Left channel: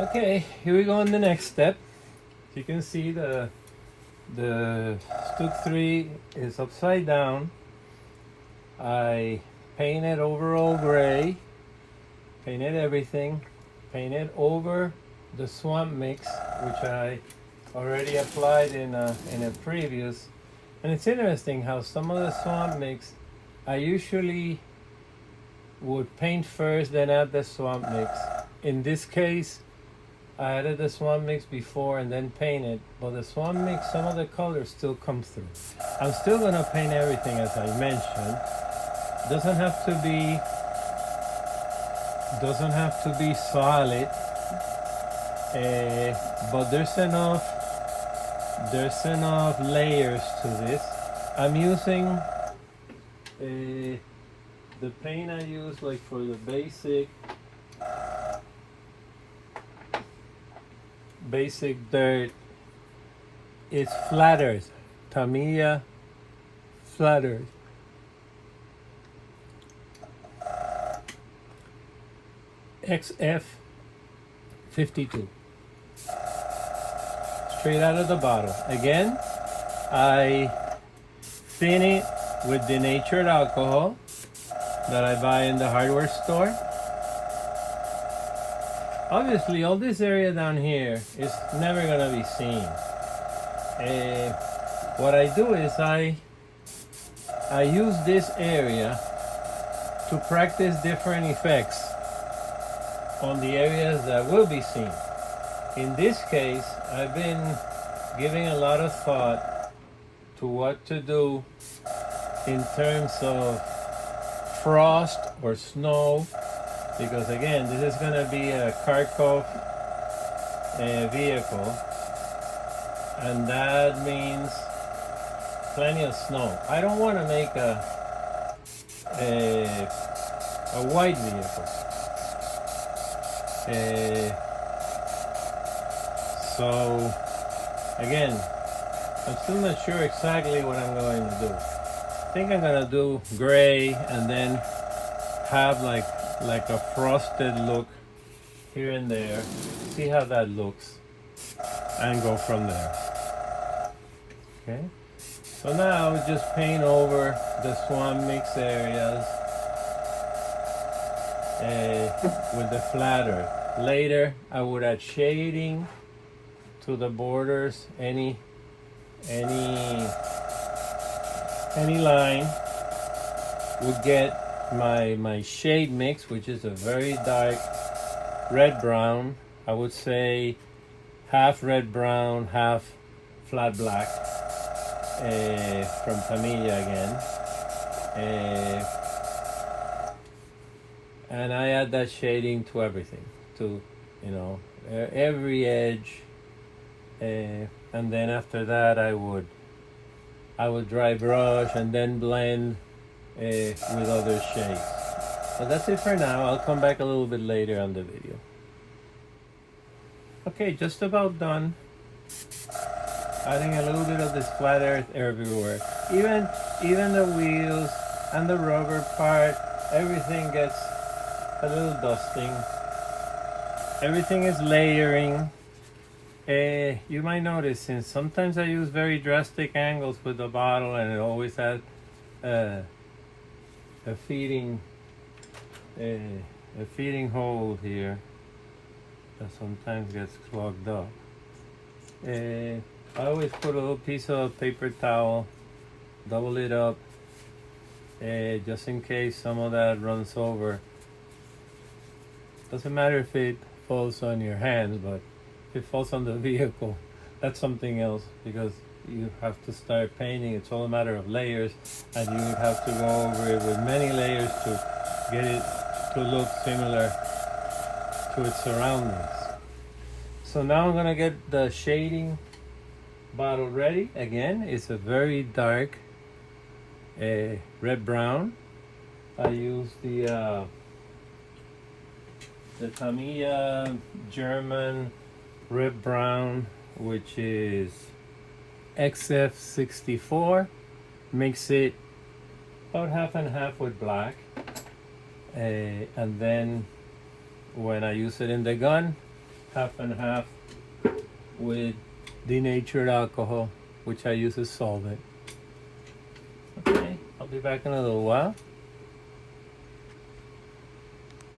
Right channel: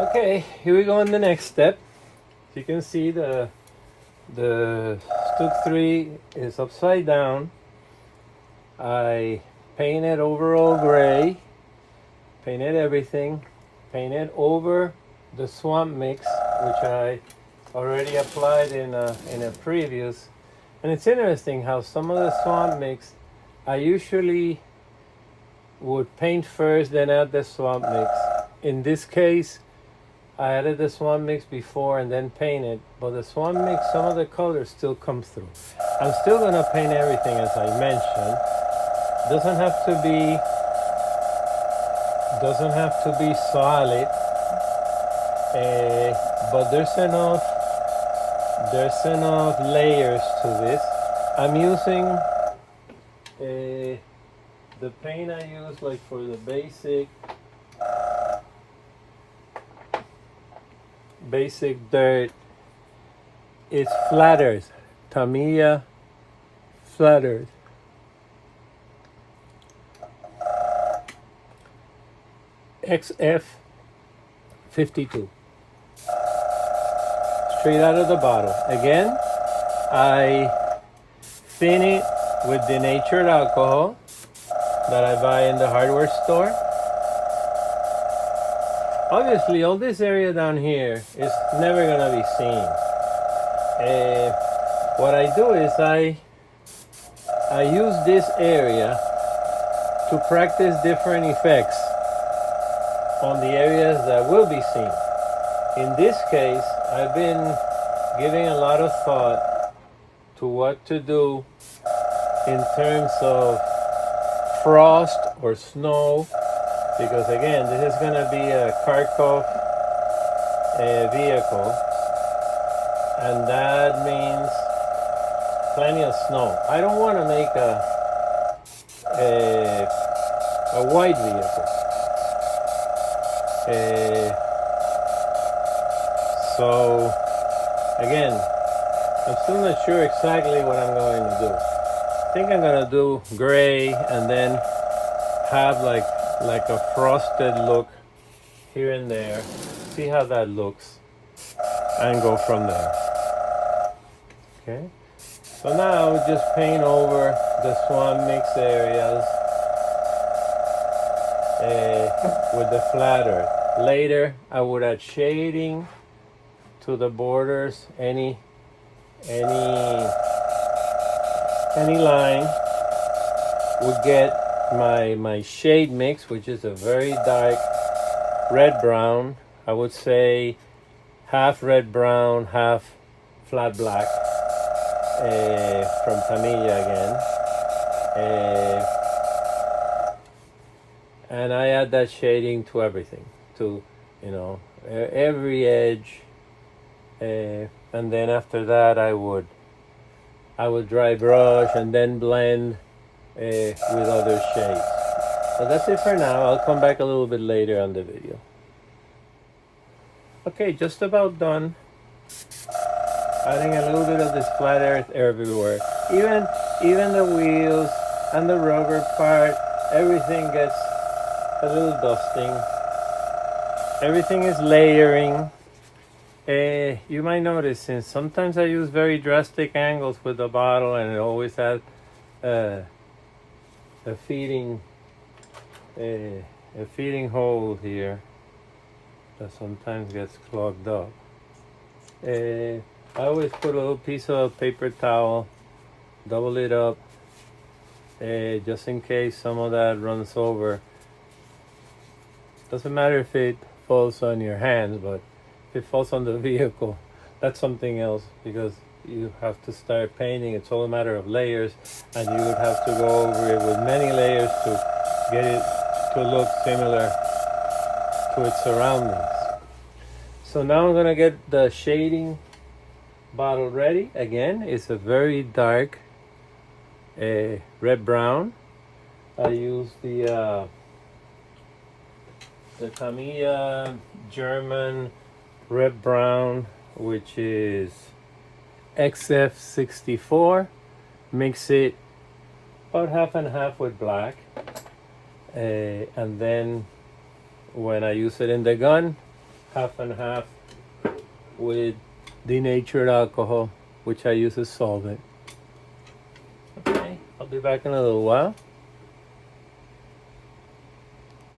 Okay, here we go on the next step. You can see the Stug 3 is upside down. I painted overall gray, painted everything, painted over the swamp mix, which I already applied in a previous. And it's interesting how some of the swamp mix I usually would paint first, then add the swamp mix. In this case, I added the swamp mix before and then painted, but the swamp mix, some of the colors still come through. I'm still gonna paint everything as I mentioned. Doesn't have to be solid, but there's enough layers to this. I'm using the paint I use like for the basic dirt. It's flat earth, Tamiya flat earth. XF 52. Straight out of the bottle. Again, I thin it with denatured alcohol that I buy in the hardware store. Obviously, all this area down here is never gonna be seen. What I do is I use this area to practice different effects on the areas that will be seen. In this case, I've been giving a lot of thought to what to do in terms of frost or snow, because again, this is going to be a Kharkov vehicle, and that means plenty of snow. I don't want to make a white vehicle. So again, I'm still not sure exactly what I'm going to do. I think I'm going to do gray and then have like a frosted look here and there. See how that looks and go from there. Okay. So now just paint over the swan mix areas with the flat earth. Later, I would add shading to the borders. Any line would get my shade mix, which is a very dark red brown. I would say half red brown, half flat black, from Tamiya again. And I add that shading to everything, to every edge, and then after that I would dry brush and then blend with other shades. So that's it for now. I'll come back a little bit later on the video. Okay, just about done. Adding a little bit of this flat earth everywhere. Even the wheels and the rubber part, everything gets a little dusting. Everything is layering. You might notice, since sometimes I use very drastic angles with the bottle, and it always has a feeding hole here that sometimes gets clogged up. I always put a little piece of paper towel, double it up, just in case some of that runs over. Doesn't matter if it falls on your hands, but if it falls on the vehicle, that's something else, because you have to start painting. It's all a matter of layers, and you would have to go over it with many layers to get it to look similar to its surroundings. So now I'm gonna get the shading bottle ready. Again, it's a very dark red brown. I use the Tamiya German red brown, which is XF64. Mix it about half and half with black, and then when I use it in the gun, half and half with denatured alcohol, which I use as solvent. Okay, I'll be back in a little while.